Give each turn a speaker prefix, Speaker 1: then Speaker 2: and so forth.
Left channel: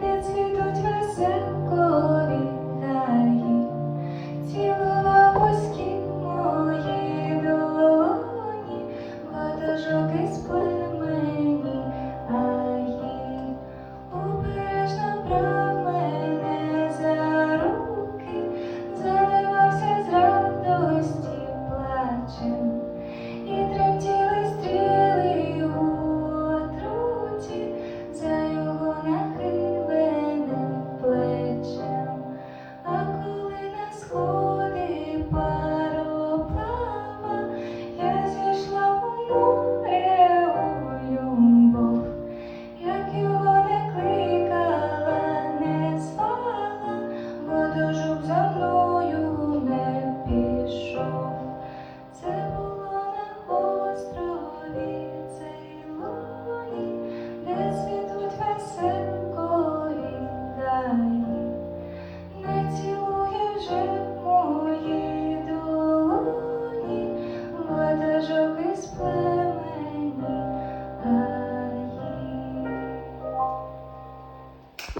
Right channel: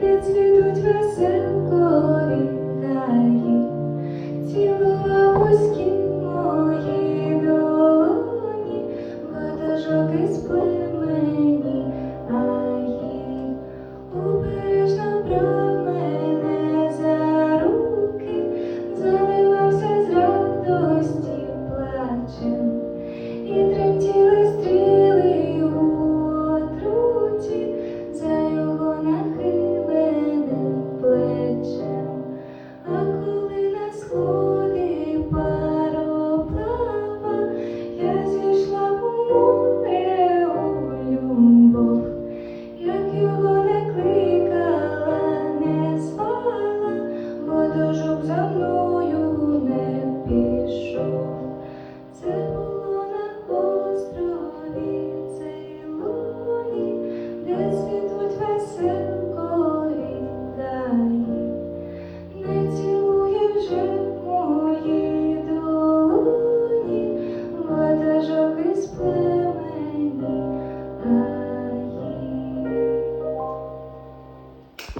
Speaker 1: де цвітуть веселкові гаї, цілова вузькі мої долоні, ватажок із племені аї, обережно брав мене за руки, заливався з радості плачем. дожук за мною.